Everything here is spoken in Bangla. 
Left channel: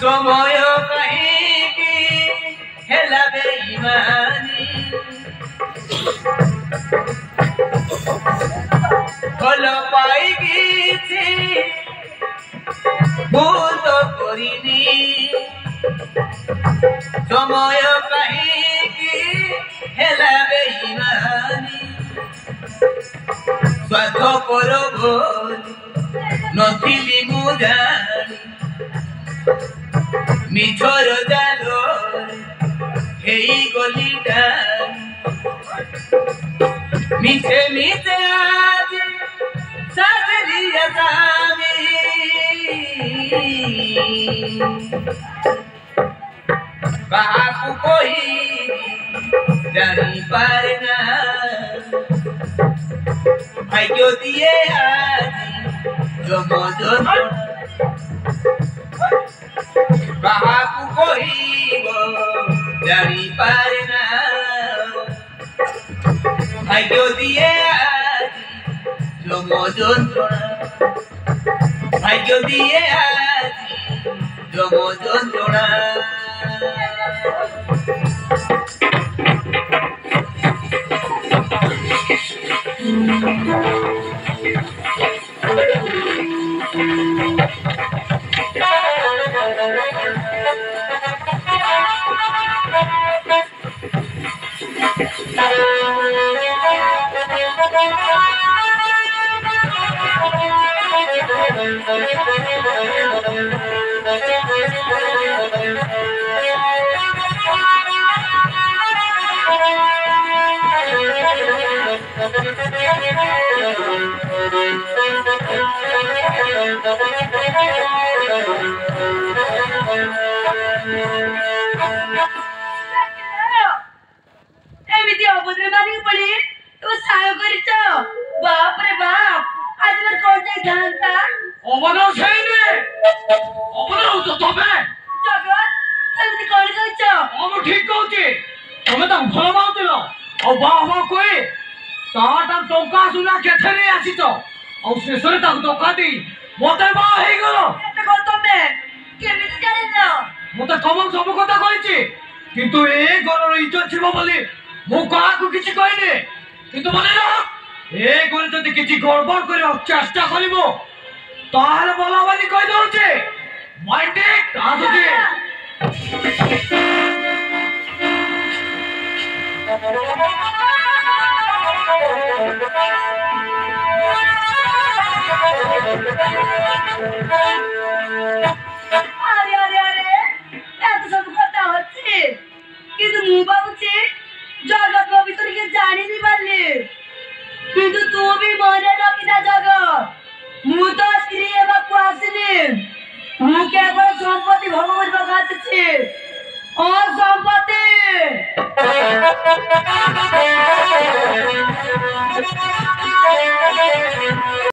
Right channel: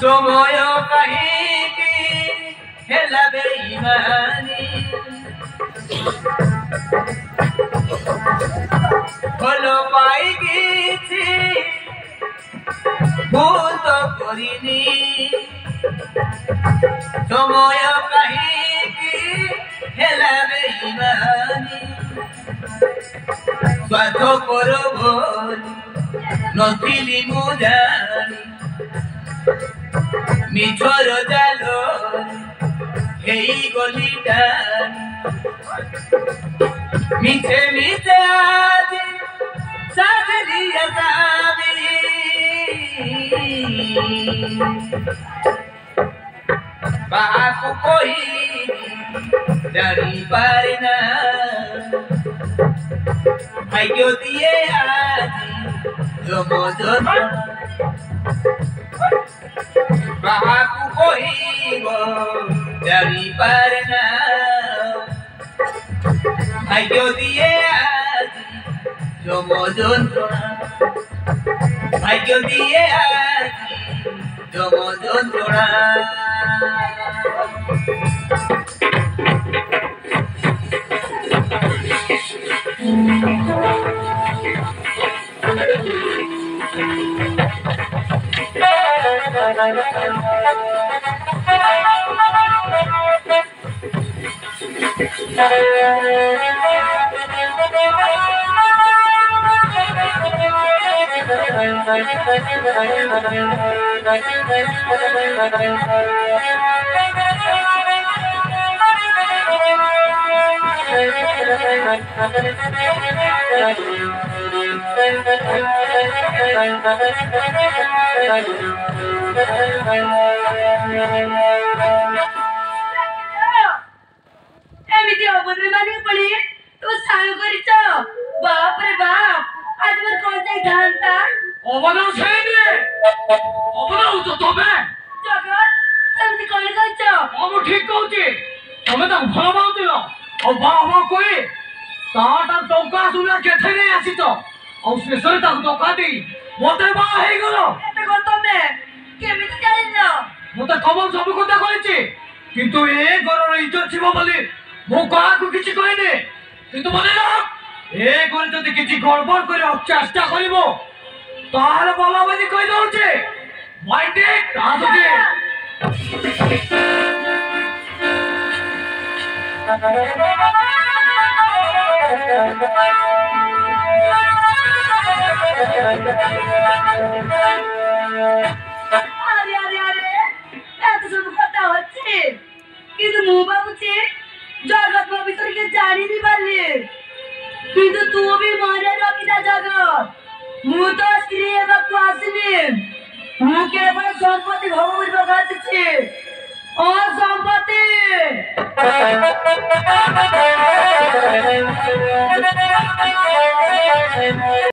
সময় কাহিকি হেলা বেঈমানি ভাল পাই গেছি ভূত করিনি সময় কাহিকি হেলা বেঈমানি স্বার্থ করব নথিলি মু জানি মিছর জাল হেই গলি টানি মিছে মিছে আজি সাজলি আসামি কাহাকু কহি জানি পারে না ভাগ্য দিয়ে আজি জমজন কাহাকু কহিব জানি পারে না ভাগ্য দিয়ে আজি জমযন্ত্রণা ভাগ্য দিয়ে আজি জমযন্ত্রণা एमिति अबोधरे मानिक पड़ी तो सायो करिच बाप रे बाप आज मोर कोन जाई थांता অবদান সেইনি অবদান তো তবে जगत एमिति कोन कहिच আমি ঠিক কହୁছি তুমি তাকে ভাল পাউছিল ଆଉ ବାହା ହବ କହି ତାଟା ଟଙ୍କା ସୁନା କେତେ ନେଇ ଆସିଛ ଆଉ ଶେଷରେ ତାକୁ ଟଙ୍କା ଦେଇ ମତେ ବାହା ହେଇଗଲ एते कोन तमे केमिति जानिल ମତେ କମଲ ସବୁ କଥା କହିଛି କିନ୍ତୁ ଏ ଘରର ଇଜ୍ଜତ ଥିବ ବୋଲି ମୁଁ କାହାକୁ କିଛି କହିନି କିନ୍ତୁ ମନେ ରଖ ଏ ଘରେ ଯଦି କିଛି ଗଡ଼ବଡ଼ କରିବାକୁ ଚେଷ୍ଟା କରିବ ତାହେଲେ ଭଲ ବୋଲି କହିଦଉଛି ମାଇଣ୍ଡେଡ୍ ଆସୁଛି अरे अरे अरे एते सब কথা হচ্ছে কিন্তু মু ভাবুছি জগৎ ভিতরে কি জানিনি পারলি কিন্তু তুমি মনে রাখিনা জগৎ মু তো স্ত্রী এবাকু আসিনি মু কেবল সম্পত্তি ভোগ করিব আসিছি ও সম্পত্তি